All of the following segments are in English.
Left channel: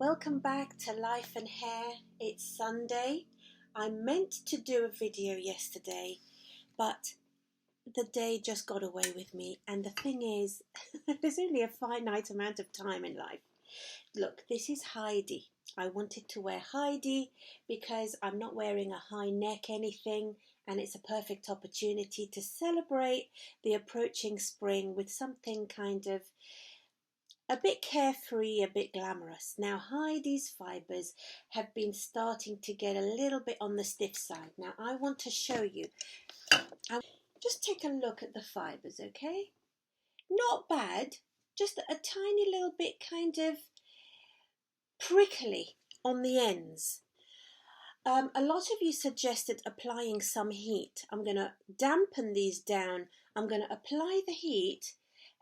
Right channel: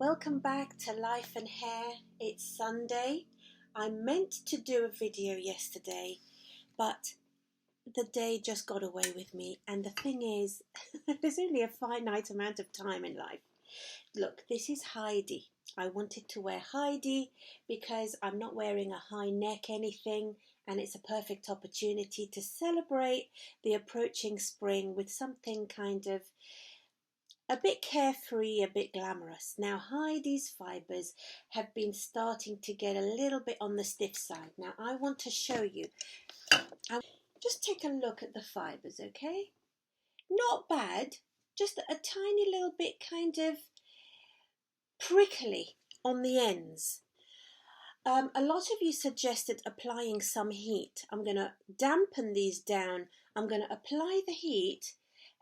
Welcome back to Life and Hair. It's Sunday. I meant to do a video yesterday, but the day just got away with me. And the thing is, there's only a finite amount of time in life. Look, this is Heidi. I wanted to wear Heidi because I'm not wearing a high neck anything, and it's a perfect opportunity to celebrate the approaching spring with something kind of a bit carefree, a bit glamorous. Now, Heidi's fibres have been starting to get a little bit on the stiff side. Now, I want to show you. Just take a look at the fibres, okay? Not bad, just a tiny little bit kind of prickly on the ends. A lot of you suggested applying some heat. I'm going to dampen these down. I'm going to apply the heat.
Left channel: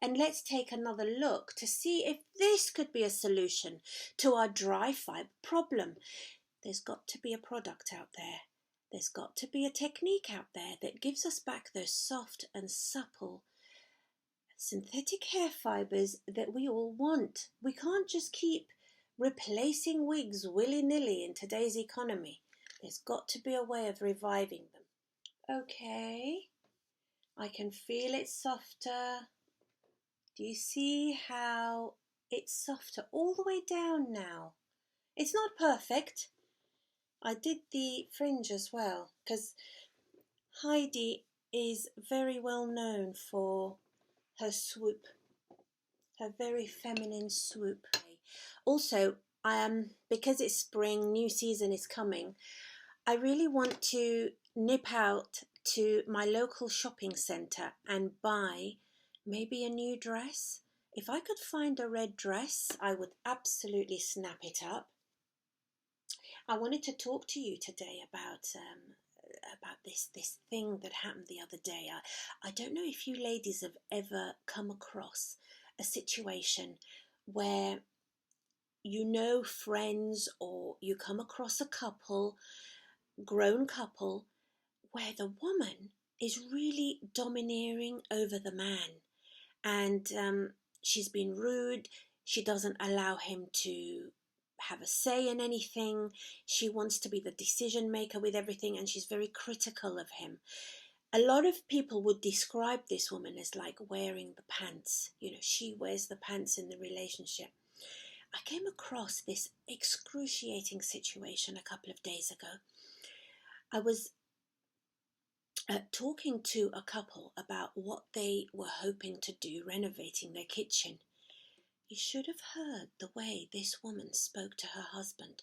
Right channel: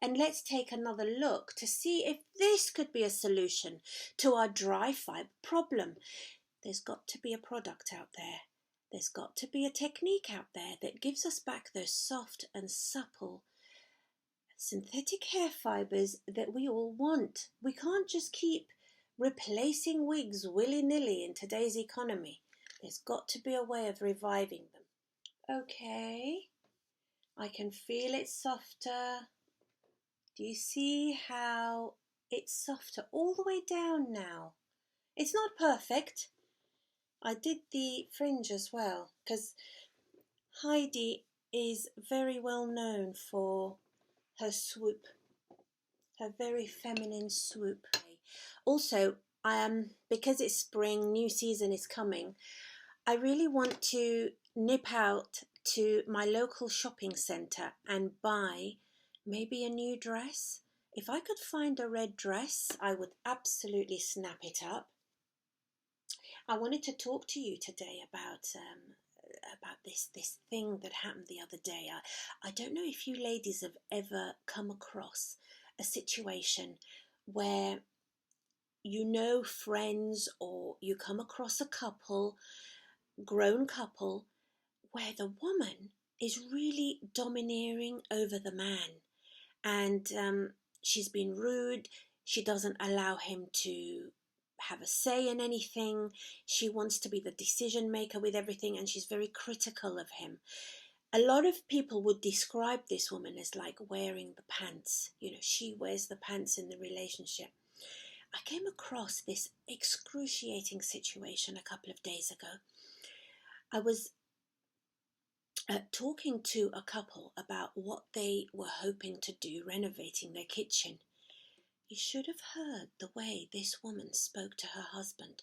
And let's take another look to see if this could be a solution to our dry fibre problem. There's got to be a product out there. There's got to be a technique out there that gives us back those soft and supple synthetic hair fibres that we all want. We can't just keep replacing wigs willy-nilly in today's economy. There's got to be a way of reviving them. Okay, I can feel it softer. Do you see how it's softer all the way down now? It's not perfect. I did the fringe as well because Heidi is very well known for her swoop, her very feminine swoop. Also, because it's spring, new season is coming, I really want to nip out to my local shopping centre and buy maybe a new dress. If I could find a red dress, I would absolutely snap it up. I wanted to talk to you today about this thing that happened the other day. I don't know if you ladies have ever come across a situation where you know friends or you come across a couple, grown couple, where the woman is really domineering over the man. And she's been rude. She doesn't allow him to have a say in anything. She wants to be the decision maker with everything, and she's very critical of him. A lot of people would describe this woman as like wearing the pants. You know, she wears the pants in the relationship. I came across this excruciating situation a couple of days ago. I was talking to a couple about what they were hoping to do renovating their kitchen. You should have heard the way this woman spoke to her husband.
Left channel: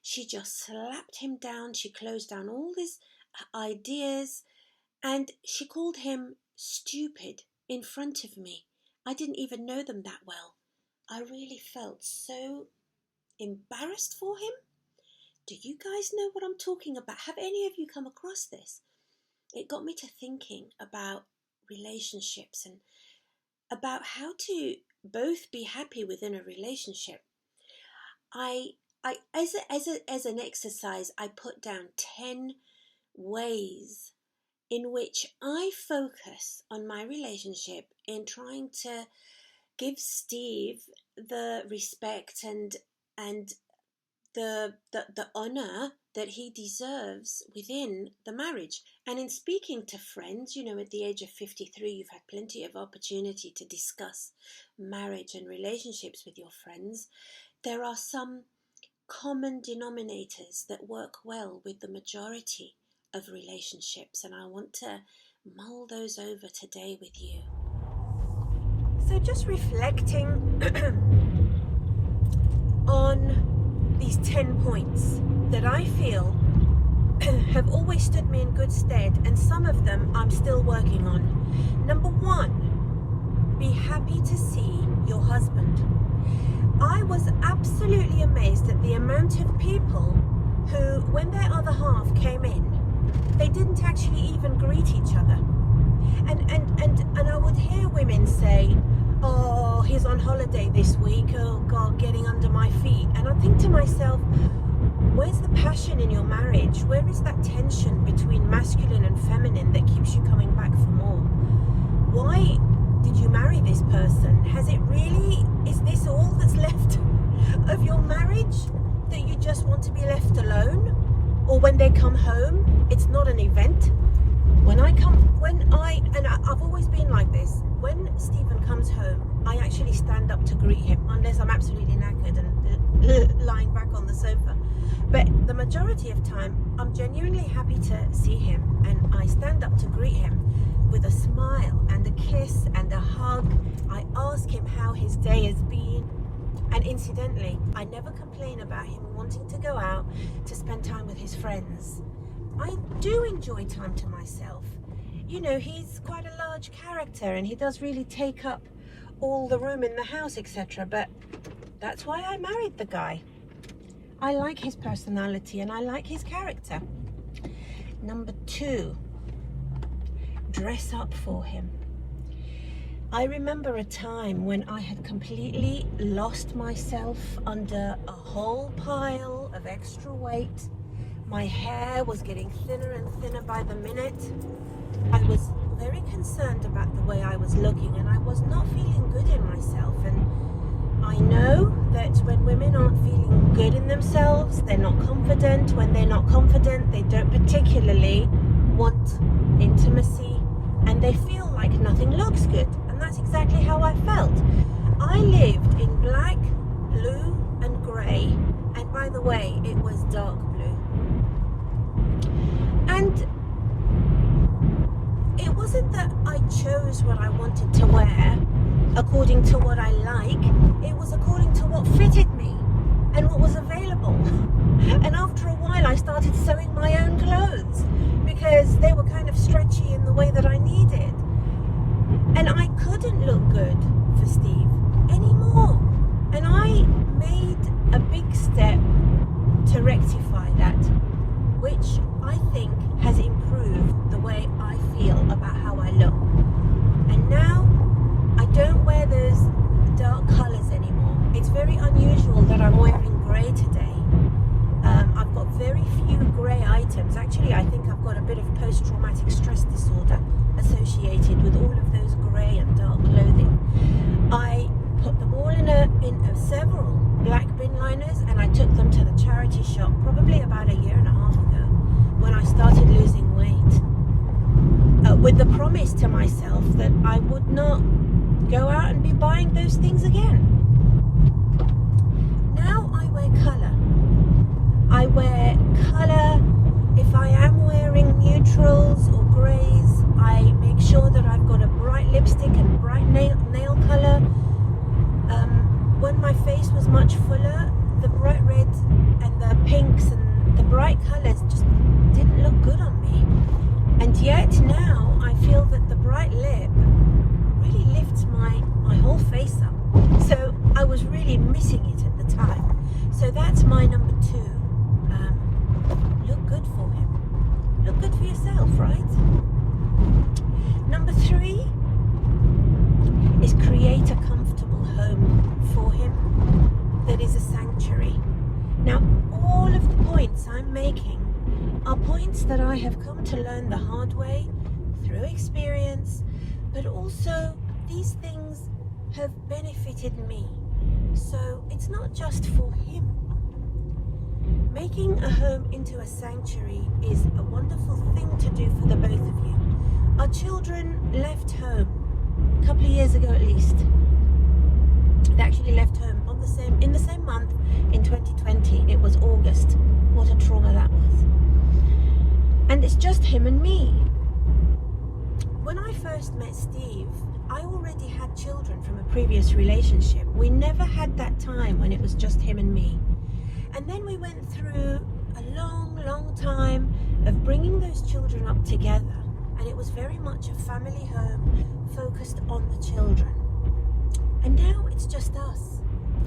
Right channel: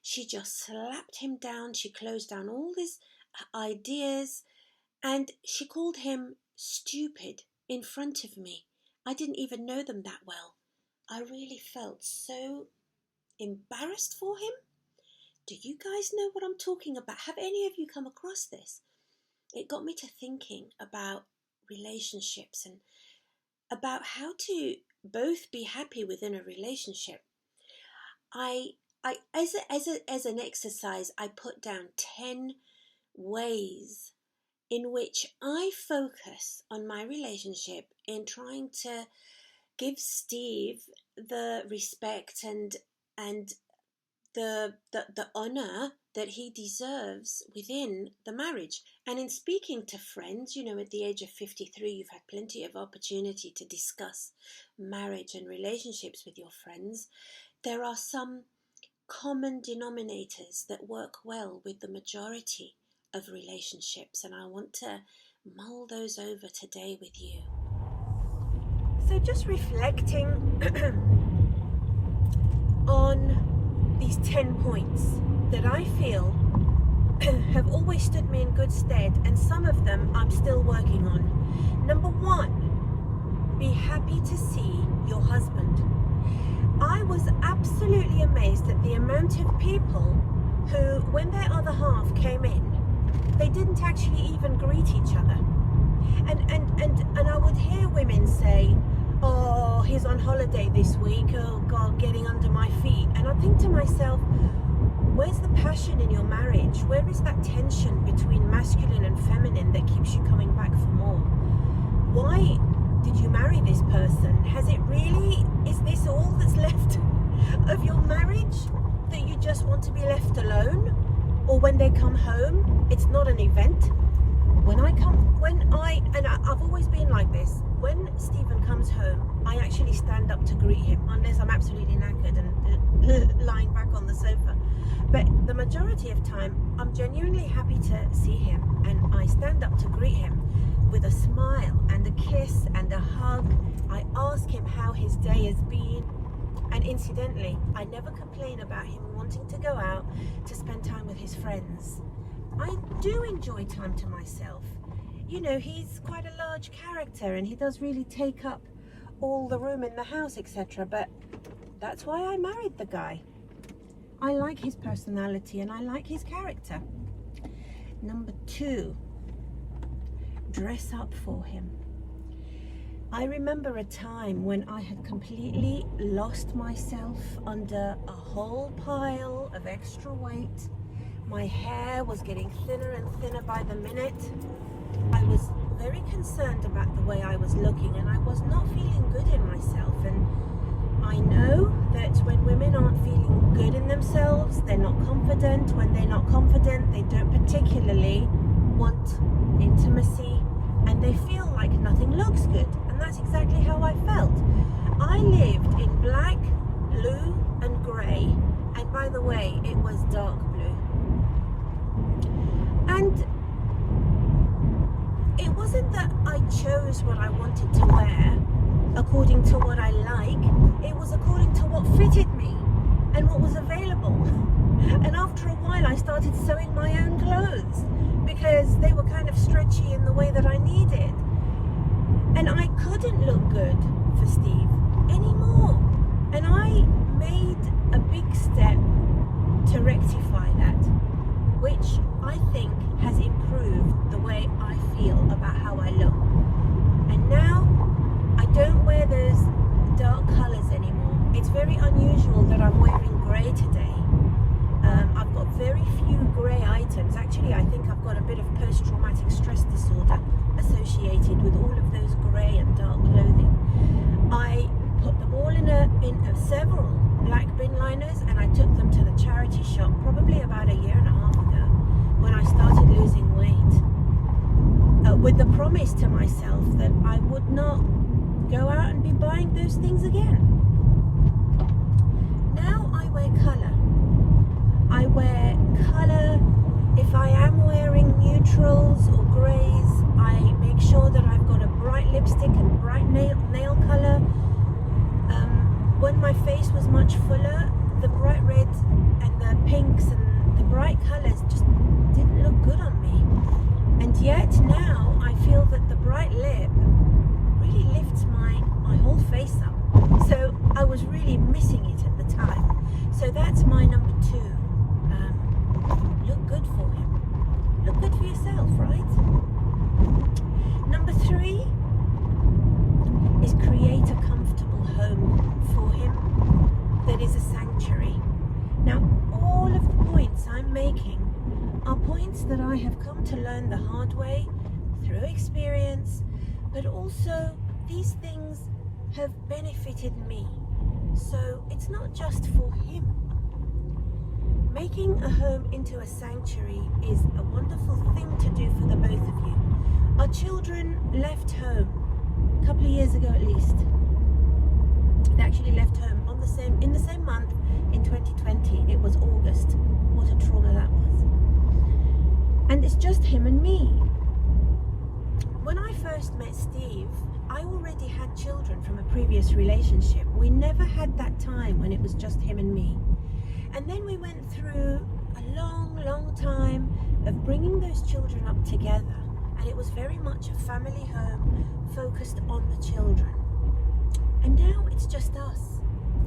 She just slapped him down. She closed down all his ideas and she called him stupid in front of me. I didn't even know them that well. I really felt so embarrassed for him. Do you guys know what I'm talking about? Have any of you come across this? It got me to thinking about relationships and about how to both be happy within a relationship. As an exercise, I put down 10 ways in which I focus on my relationship in trying to give Steve the respect and the honor that he deserves within the marriage. And in speaking to friends, you know, at the age of 53, you've had plenty of opportunity to discuss marriage and relationships with your friends. There are some common denominators that work well with the majority of relationships, and I want to mull those over today with you. So just reflecting on these 10 points that I feel have always stood me in good stead, and some of them I'm still working on. Number 1, be happy to see your husband. I was absolutely amazed at the amount of people who, when their other half came in, they didn't actually even greet each other. And I would hear women say, oh, he's on holiday this week, oh God, getting under my feet. And I think to myself, where's the passion in your marriage? Where is that tension between masculine and feminine that keeps you coming back for more? Why did you marry this person? Is this all that's left of your marriage? much that you just want to be left alone, or when they come home, it's not an event. I've always been like this. When Stephen comes home, I actually stand up to greet him, unless I'm absolutely knackered and lying back on the sofa. But the majority of time, I'm genuinely happy to see him, and I stand up to greet him with a smile and a kiss and a hug. I ask him how his day has been, and incidentally, I never complain about him wanting to go out to spend time with his friends. I do enjoy time to myself. You know, he's quite a large character and he does really take up all the room in the house, etc. But that's why I married the guy. I like his personality and I like his character. Number 2, dress up for him. I remember a time when I had completely lost myself under a whole pile of extra weight. My hair was getting thinner and thinner by the minute. I was very concerned about the way I was looking, and I was not feeling good in myself. And I know that when women aren't feeling good in themselves, they're not confident. When they're not confident, they don't particularly want intimacy, and they feel like nothing looks good. And that's exactly how I felt. I lived in black, blue and grey, and by the way, it was dark blue. And it wasn't that I chose what I wanted to wear according to what I like. It was according to what fitted me and what was available. And after a while, I started sewing my own clothes because they were kind of stretchy in the way that I needed. And I couldn't look good for Steve anymore. And I made a big step to rectify that, which I think has improved the way I feel about how I look. And now I don't wear those dark colours anymore. It's very unusual that I'm wearing grey today. I've got very few grey items. Actually, I think I've got a bit of post-traumatic stress disorder associated with all of those grey and dark clothing. I put them all in several black bin liners, and I took them to the charity shop probably about a year and a half ago when I started losing weight, with the promise to myself that I would not go out and be buying those things again. Now I wear colour. I wear colour. If I am wearing neutrals or greys, I make sure that I've got a bright lipstick and bright nail colour. When my face was much fuller, the bright reds and the pinks and the bright colours just didn't look good on me. And yet now I feel that the bright lip really lifts my whole face up. So I was really missing it at the time. So that's my number 2. Look good for him. Look good for yourself, right? Number 3 is create a comfortable home for him that is a sanctuary. Now, all of the points I'm making are points that I have come to learn the hard way through experience, but also these things have benefited me. So it's not just for him. Making a home into a sanctuary is a wonderful thing to do for the both of you. Our children left home a couple of years ago at least. They actually left home in the same month in 2020. It was August. What a trauma that was. And it's just him and me. When I first met Steve, I already had children from a previous relationship. We never had that time when it was just him and me. And then we went through a long, long time of bringing those children up together. And it was very much a family home focused on the children. And now it's just us.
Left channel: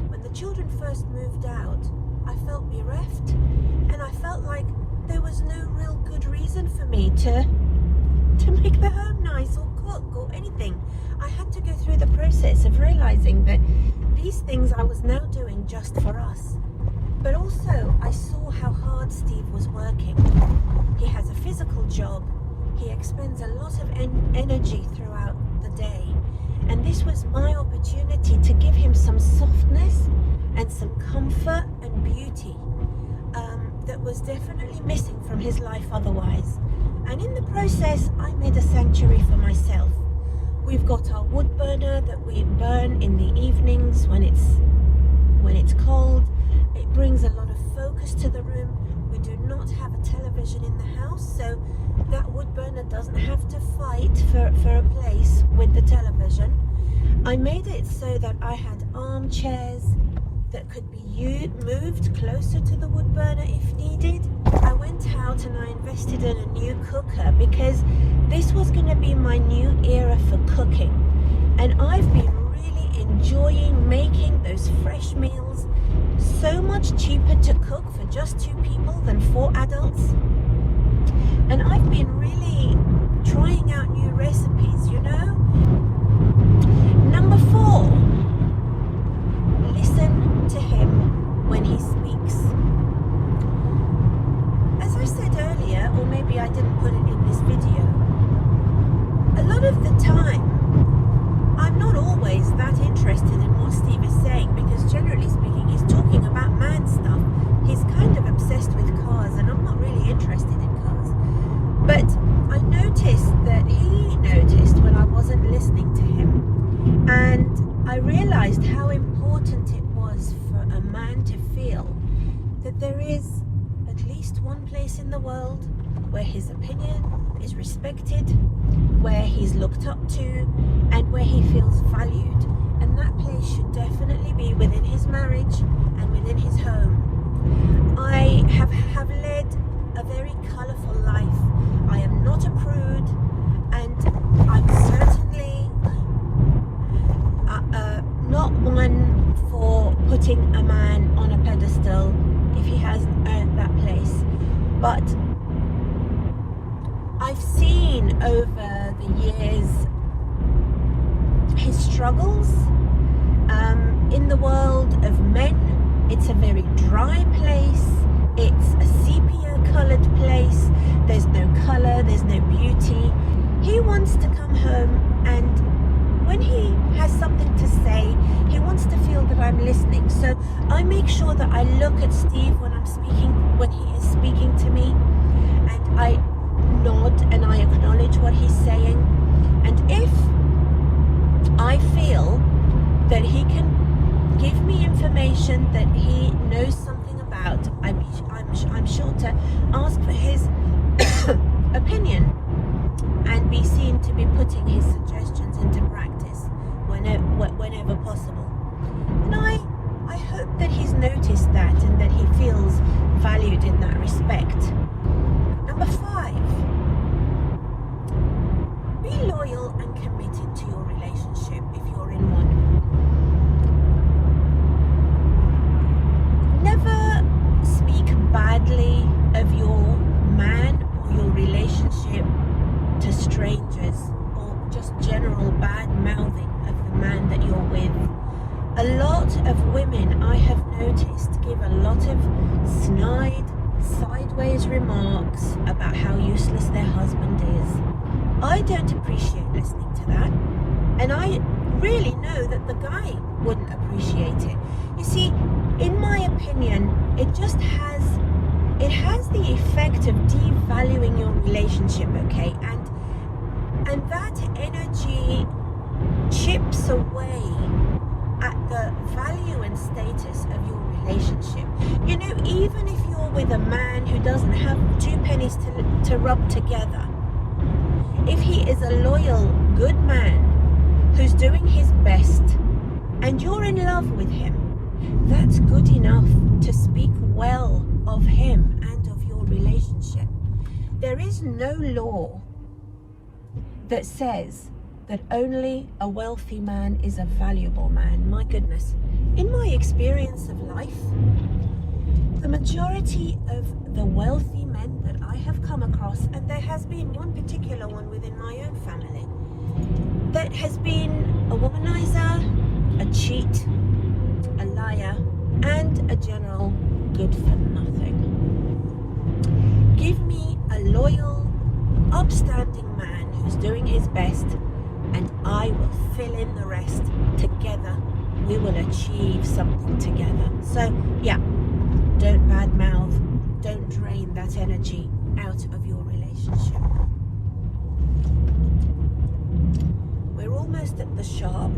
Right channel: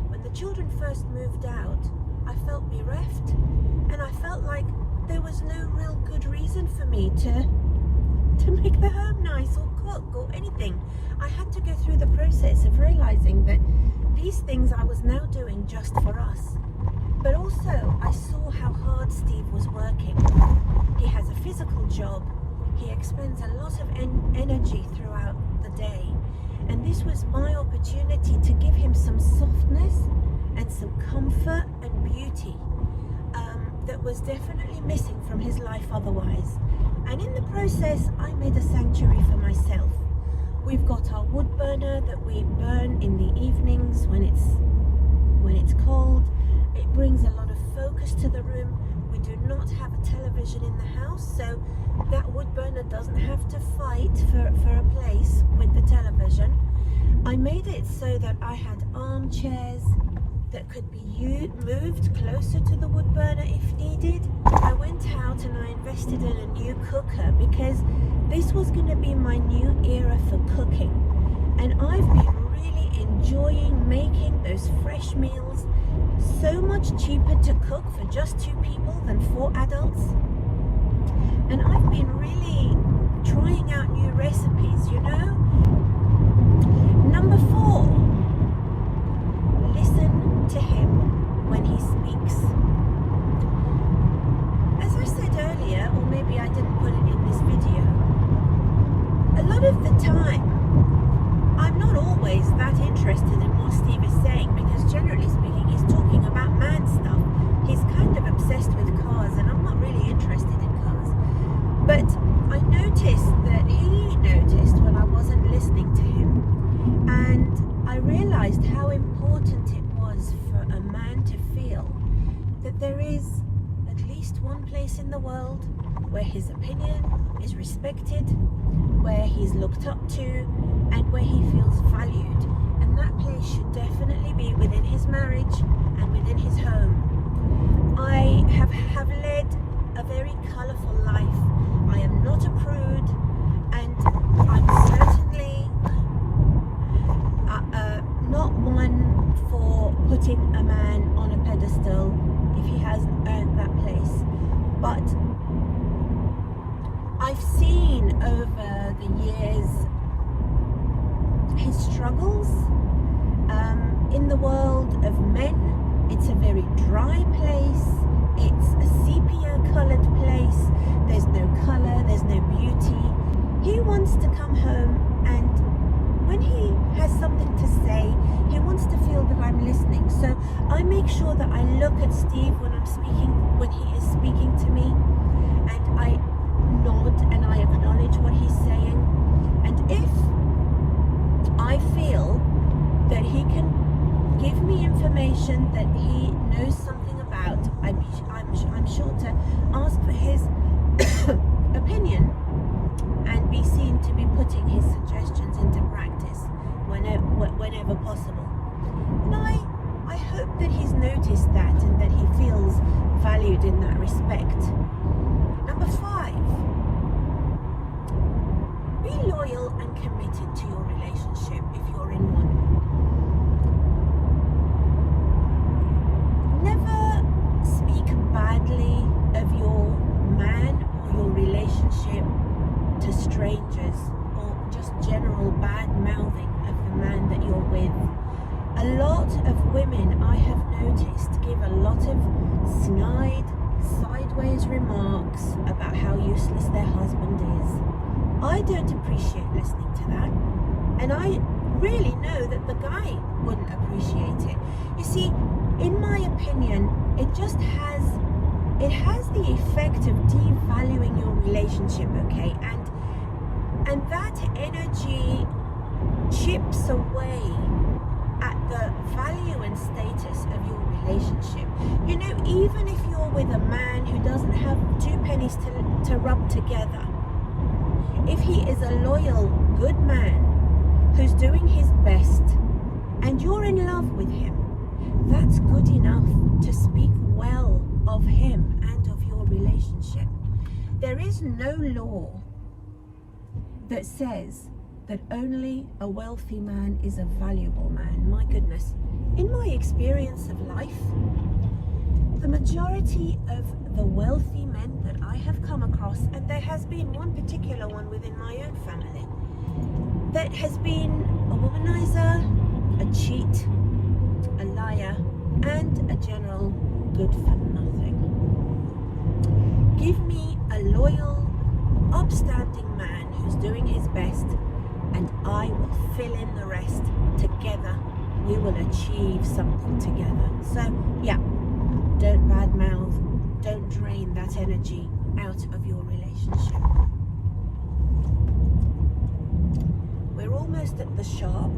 When the children first moved out, I felt bereft, and I felt like there was no real good reason for me to make the home nice or cook or anything. I had to go through the process of realizing that these things I was now doing just for us. But also I saw how hard Steve was working. He has a physical job. He expends a lot of energy throughout the day. And this was my opportunity to give him some softness and some comfort and beauty that was definitely missing from his life otherwise. And in the process, I made a sanctuary for myself. We've got our wood burner that we burn in the evenings when it's cold. It brings a lot of focus to the room. We do not have a television in the house, so that wood burner doesn't have to fight for a place with the television. I made it so that I had armchairs that could be moved closer to the wood burner if needed. I went out and I invested in a new cooker because this was going to be my new era for cooking, and I've been really enjoying making those fresh meals. So much cheaper to cook for just 2 people than 4 adults, and I've been really trying out new recipes, you know. Number 4, listen to him when he speaks. As I said earlier, or maybe I didn't put it in this video, a lot of the time I'm not always that interested in what Steve is saying, because generally speaking he's talking about man stuff. He's kind of obsessed with cars and I'm not really interested in cars. But I noticed that he noticed when I wasn't listening to him, and I realized how important it was for a man to feel that there is at least one place in the world where his opinion is respected, where he's looked up to, and where he feels valued. And that place should definitely be within his marriage and within his home. I have led a very colourful life. I am not a prude, and I'm certainly not one for putting a man on a pedestal if he hasn't earned that place. But I've seen over the years his struggles. In the world of men, it's a very dry place. It's a sepia coloured place. There's no colour, there's no beauty. He wants to come home, and when he has something to say, he wants to feel that I'm listening. So I make sure that I look at Steve when he is speaking to me, and I nod and I acknowledge what he's saying. And if I feel that he can give me information that he knows something about, I'm sure to ask for his opinion and be seen to be putting his suggestions into practice whenever possible. And I hope that he's noticed that and that he feels valued in that respect. Number 5, be loyal and committed to your relationship if you're in one. Never speak badly of your man or your relationship to strangers, or just general bad mouthing of the man that you're with. A lot of women, I have noticed, give a lot of snide, sideways remarks about how useless their husband is. I don't appreciate listening to that, and I really know that the guy wouldn't appreciate it. You see, in my opinion, it has the effect of devaluing your relationship, okay? And that energy chips away at the value and status of your relationship. You know, even if you're with a man who doesn't have 2 pennies to rub together, if he is a loyal, good man who's doing his best and you're in love with him, that's good enough to speak well of him and of your relationship. There is no law that says that only a wealthy man is a valuable man. My goodness, in my experience of life, the majority of the wealthy men that I have come across, and there has been one particular one within my own family, that has been a womanizer, a cheat, a liar, and a general good for nothing. Give me a loyal, upstanding man who's doing his best, and I will fill in the rest. Together we will achieve something together. So yeah, Don't badmouth. Don't drain that energy out of your relationship. We're almost at the shop.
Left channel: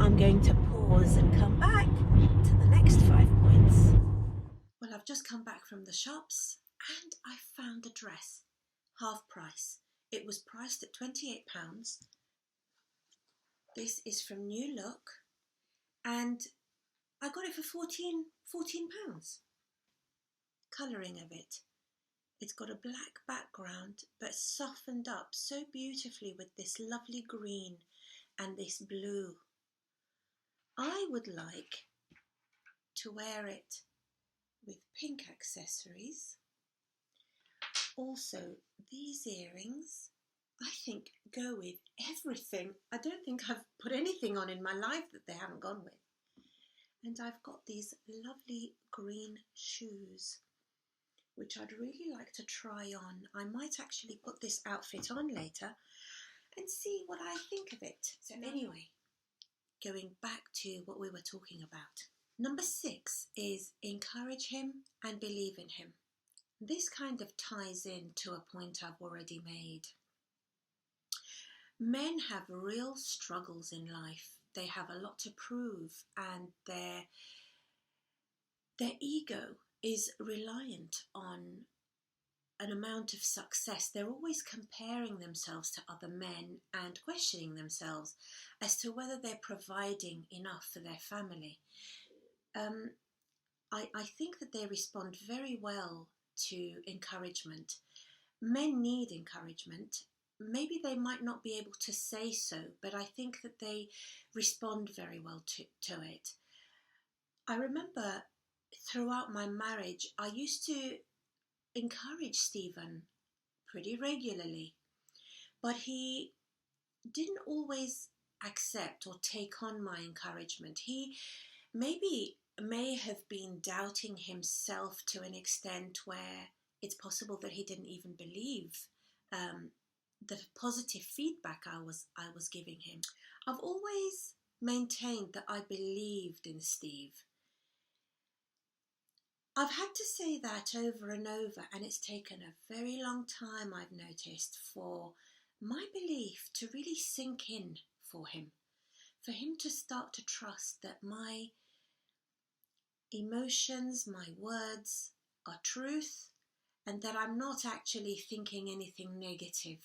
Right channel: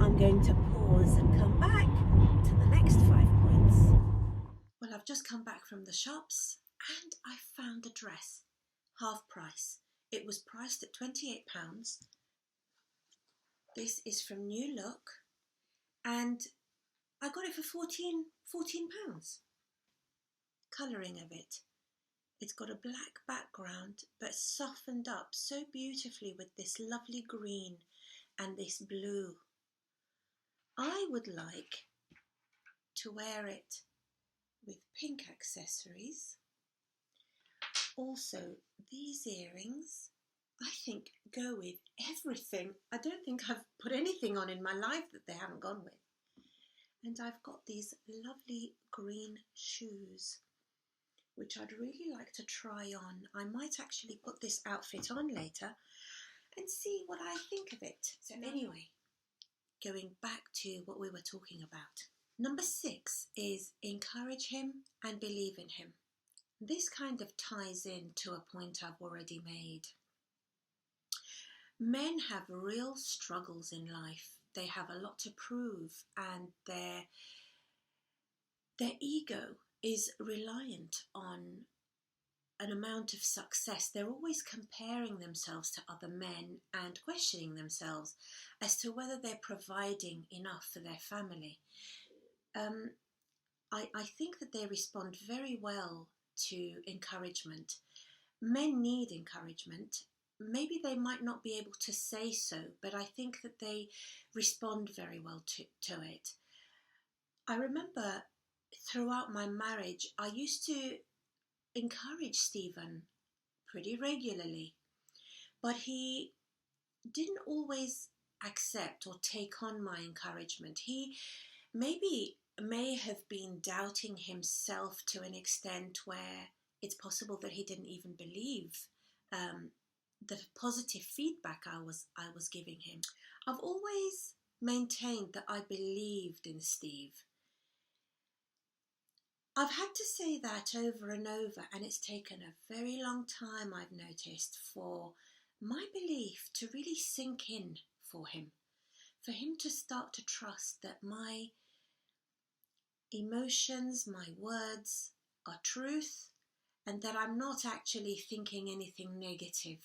I'm going to pause and come back to the next 5 points. Well, I've just come back from the shops and I found a dress, half price. It was priced at £28. This is from New Look and I got it for £14. Colouring of it. It's got a black background but softened up so beautifully with this lovely green and this blue. I would like to wear it with pink accessories. Also, these earrings, I think, go with everything. I don't think I've put anything on in my life that they haven't gone with. And I've got these lovely green shoes, which I'd really like to try on. I might actually put this outfit on later and see what I think of it. So anyway, going back to what we were talking about. Number 6 is encourage him and believe in him. This kind of ties in to a point I've already made. Men have real struggles in life. They have a lot to prove and their ego is reliant on an amount of success. They're always comparing themselves to other men and questioning themselves as to whether they're providing enough for their family. I think that they respond very well to encouragement. Men need encouragement. Maybe they might not be able to say so, but I think that they respond very well to it. I remember throughout my marriage, I used to encourage Stephen pretty regularly, but he didn't always accept or take on my encouragement. He may have been doubting himself to an extent where it's possible that he didn't even believe the positive feedback I was giving him. I've always maintained that I believed in Steve. I've had to say that over and over, and it's taken a very long time, I've noticed, for my belief to really sink in for him to start to trust that my emotions, my words are truth, and that I'm not actually thinking anything negative.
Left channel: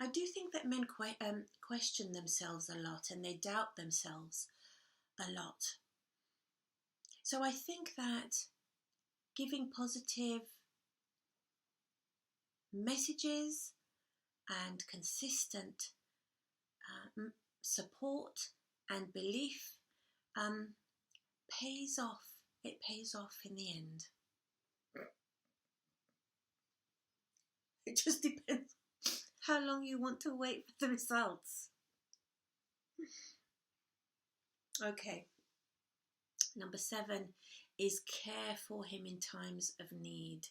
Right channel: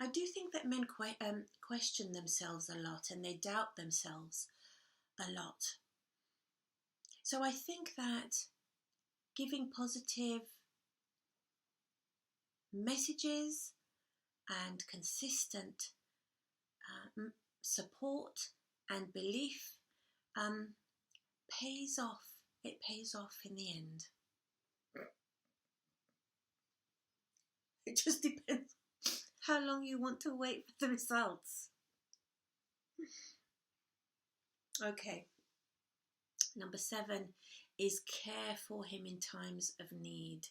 I do think that men question themselves a lot and they doubt themselves a lot. So I think that giving positive messages and consistent support and belief pays off. It pays off in the end. It just depends how long you want to wait for the results. Okay. Number 7 is care for him in times of need.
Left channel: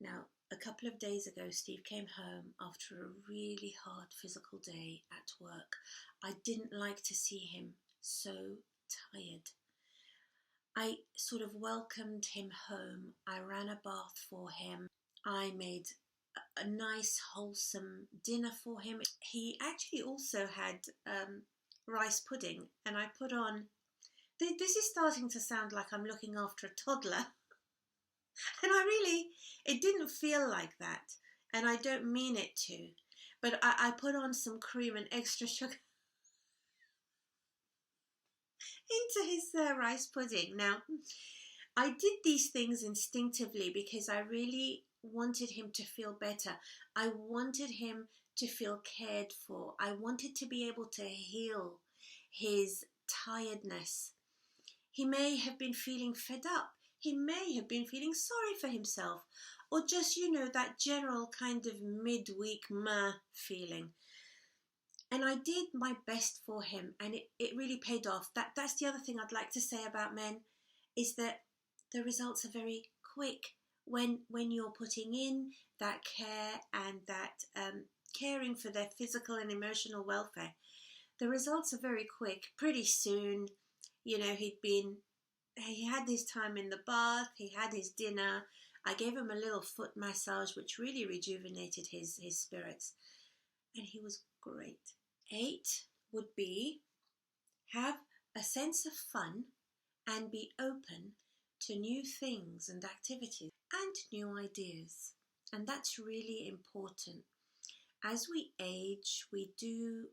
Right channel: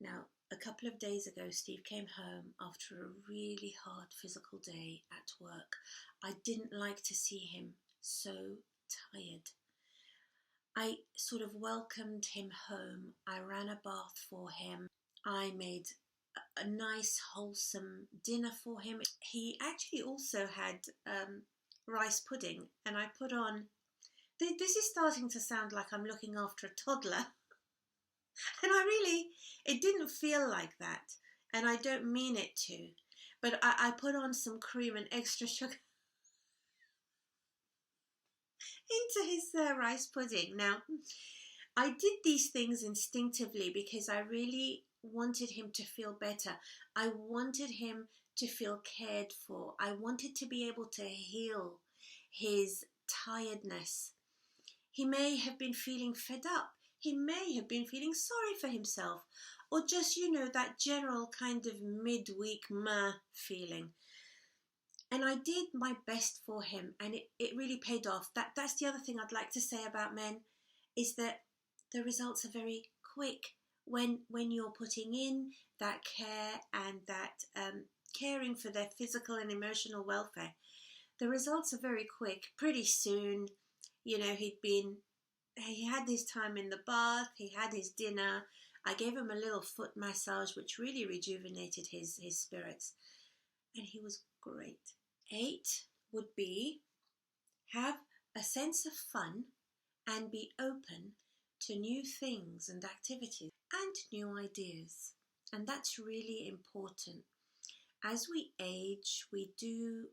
Now, a couple of days ago, Steve came home after a really hard physical day at work. I didn't like to see him so tired. I sort of welcomed him home. I ran a bath for him. I made a nice, wholesome dinner for him. He actually also had rice pudding, and I put on... This is starting to sound like I'm looking after a toddler. And it didn't feel like that. And I don't mean it to. But I put on some cream and extra sugar into his rice pudding. Now, I did these things instinctively because I really wanted him to feel better. I wanted him to feel cared for. I wanted to be able to heal his tiredness. He may have been feeling fed up. He may have been feeling sorry for himself, or just, that general kind of midweek meh feeling. And I did my best for him, and it really paid off. That's the other thing I'd like to say about men, is that the results are very quick when you're putting in that care and that caring for their physical and emotional welfare. The results are very quick. Pretty soon, You know, he had his time in the bath, he had his dinner. I gave him a little foot massage, which really rejuvenated his spirits. And he was great. 8 would be have a sense of fun and be open to new things and activities and new ideas. And that's really important. As we age, we do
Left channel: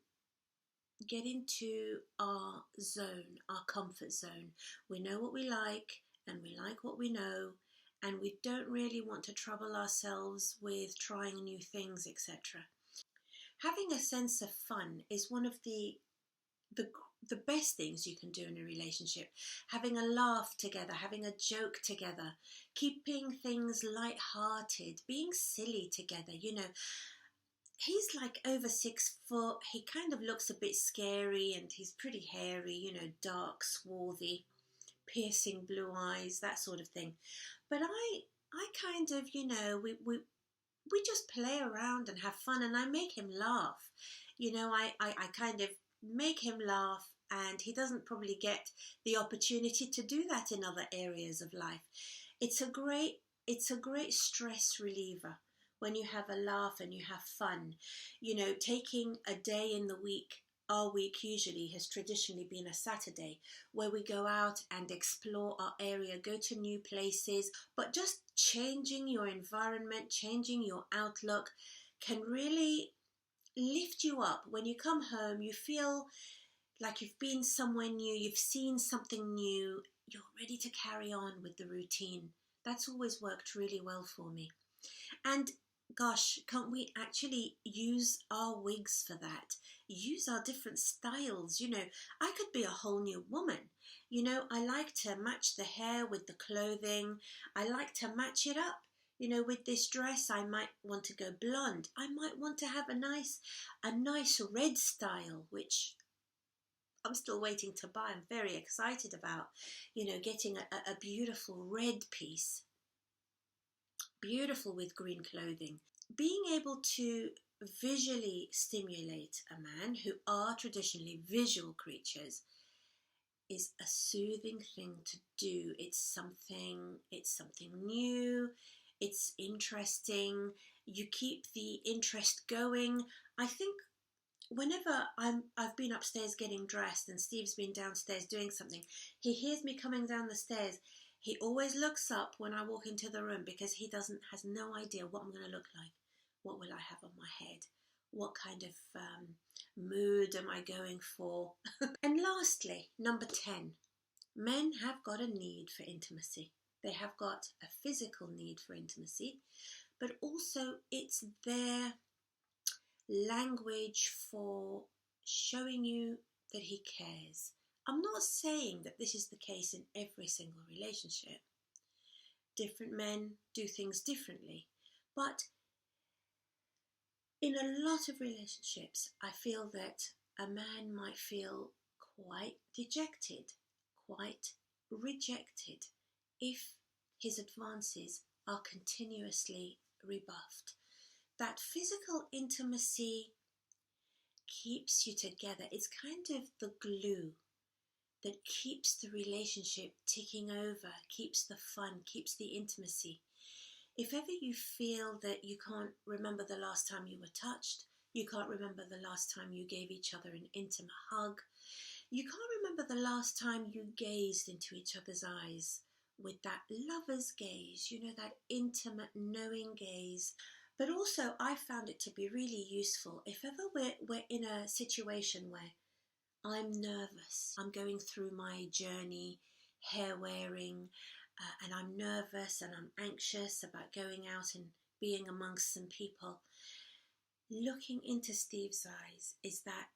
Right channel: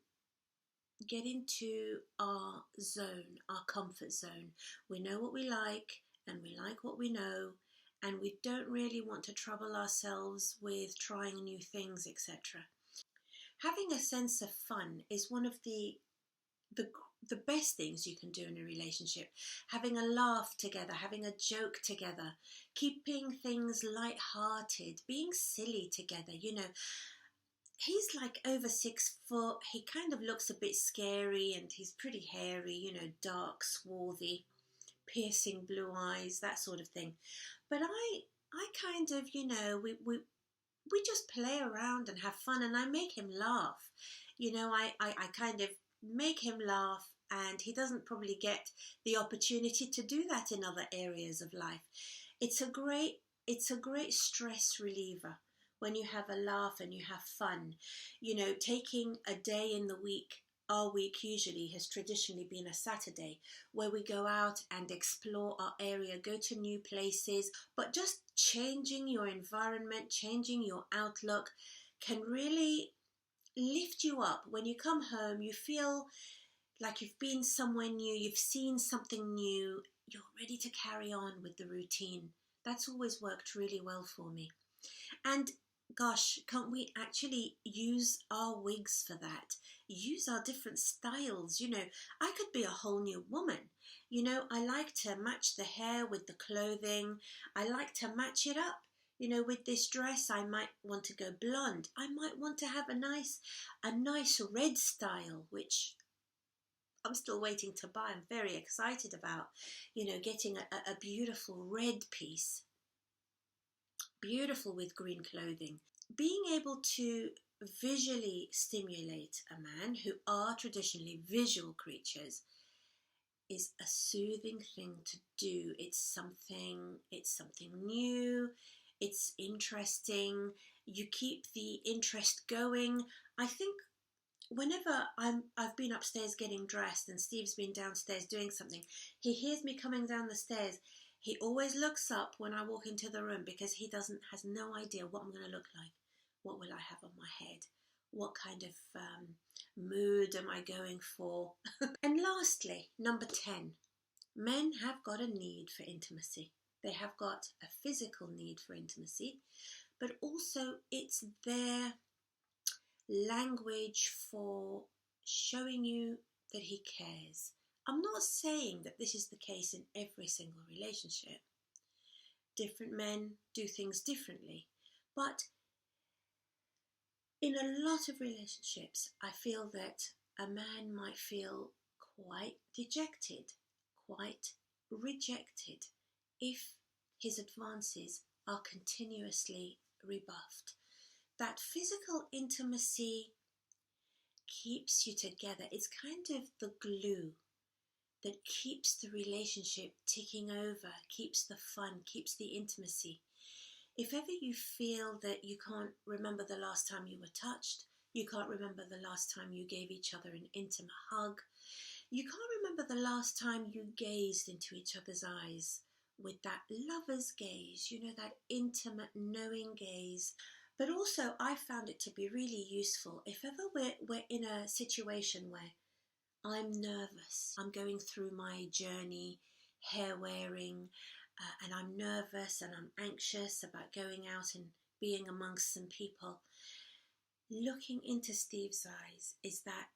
get into our zone, our comfort zone. We know what we like and we like what we know, and we don't really want to trouble ourselves with trying new things, etc. Having a sense of fun is one of the best things you can do in a relationship. Having a laugh together, having a joke together, keeping things light-hearted, being silly together. You know, he's like over 6 foot. He kind of looks a bit scary, and he's pretty hairy, you know, dark, swarthy, piercing blue eyes, that sort of thing. But I kind of, you know, we just play around and have fun, and I make him laugh. You know, I kind of make him laugh, and he doesn't probably get the opportunity to do that in other areas of life. It's a great stress reliever when you have a laugh and you have fun. You know, taking a day in the week. Our week usually has traditionally been a Saturday where we go out and explore our area, go to new places, but just changing your environment, changing your outlook can really lift you up. When you come home, you feel like you've been somewhere new, you've seen something new, you're ready to carry on with the routine. That's always worked really well for me. And gosh, can't we actually use our wigs for that? Use our different styles. You know, I could be a whole new woman. You know, I like to match the hair with the clothing. I like to match it up. You know, with this dress, I might want to go blonde. I might want to have a nice red style, which I'm still waiting to buy. I'm very excited about, you know, getting a beautiful red piece. Beautiful with green clothing. Being able to visually stimulate a man, who are traditionally visual creatures, is a soothing thing to do. It's something new, it's interesting, you keep the interest going. I think whenever I've been upstairs getting dressed and Steve's been downstairs doing something, he hears me coming down the stairs. He always looks up when I walk into the room because he has no idea what I'm going to look like. What will I have on my head? What kind of mood am I going for? And lastly, number 10, men have got a need for intimacy. They have got a physical need for intimacy, but also it's their language for showing you that he cares. I'm not saying that this is the case in every single relationship. Different men do things differently. But in a lot of relationships, I feel that a man might feel quite dejected, quite rejected, if his advances are continuously rebuffed. That physical intimacy keeps you together. It's kind of the glue that keeps the relationship ticking over, keeps the fun, keeps the intimacy. If ever you feel that you can't remember the last time you were touched, you can't remember the last time you gave each other an intimate hug, you can't remember the last time you gazed into each other's eyes with that lover's gaze, you know, that intimate, knowing gaze. But also, I found it to be really useful if ever we're in a situation where I'm nervous, I'm going through my journey, hair wearing, and I'm nervous and I'm anxious about going out and being amongst some people. Looking into Steve's eyes is that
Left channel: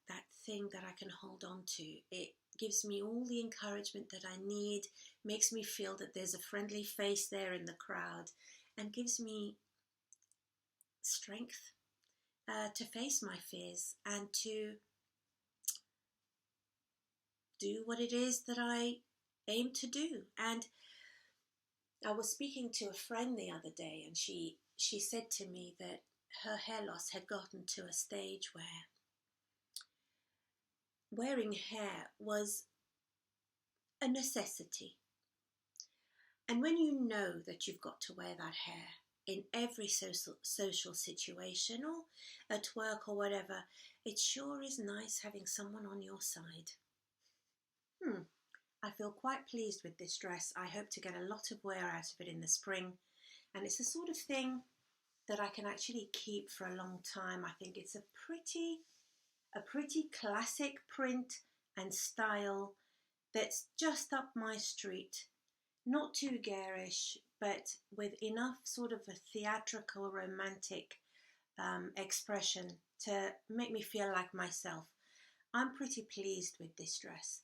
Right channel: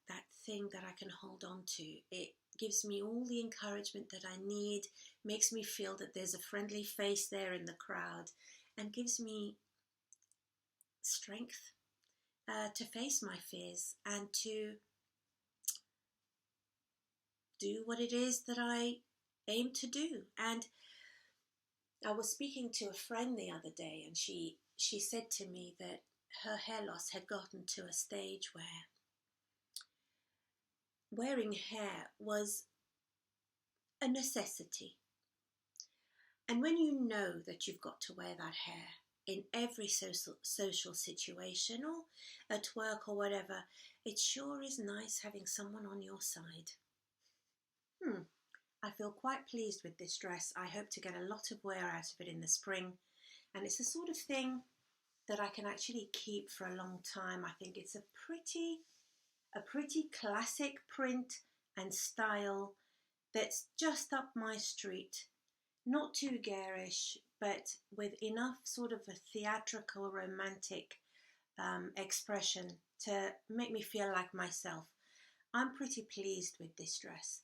thing that I can hold on to. It gives me all the encouragement that I need, makes me feel that there's a friendly face there in the crowd, and gives me strength to face my fears and to do what it is that I aim to do. And I was speaking to a friend the other day, and she said to me that her hair loss had gotten to a stage where wearing hair was a necessity. And when you know that you've got to wear that hair in every social situation or at work or whatever, it sure is nice having someone on your side. I feel quite pleased with this dress. I hope to get a lot of wear out of it in the spring. And it's the sort of thing that I can actually keep for a long time. I think it's a pretty classic print and style that's just up my street. Not too garish, but with enough sort of a theatrical, romantic expression to make me feel like myself. I'm pretty pleased with this dress.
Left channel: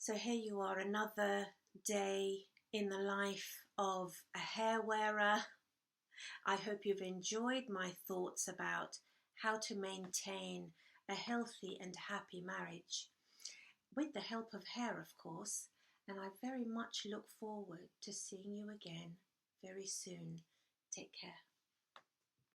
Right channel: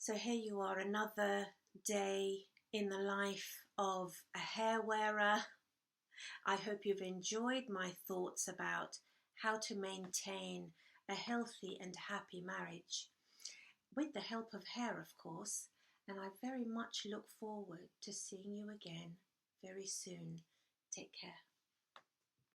So here you are, another day in the life of a hair wearer. I hope you've enjoyed my thoughts about how to maintain a healthy and happy marriage, with the help of hair, of course. And I very much look forward to seeing you again very soon. Take care.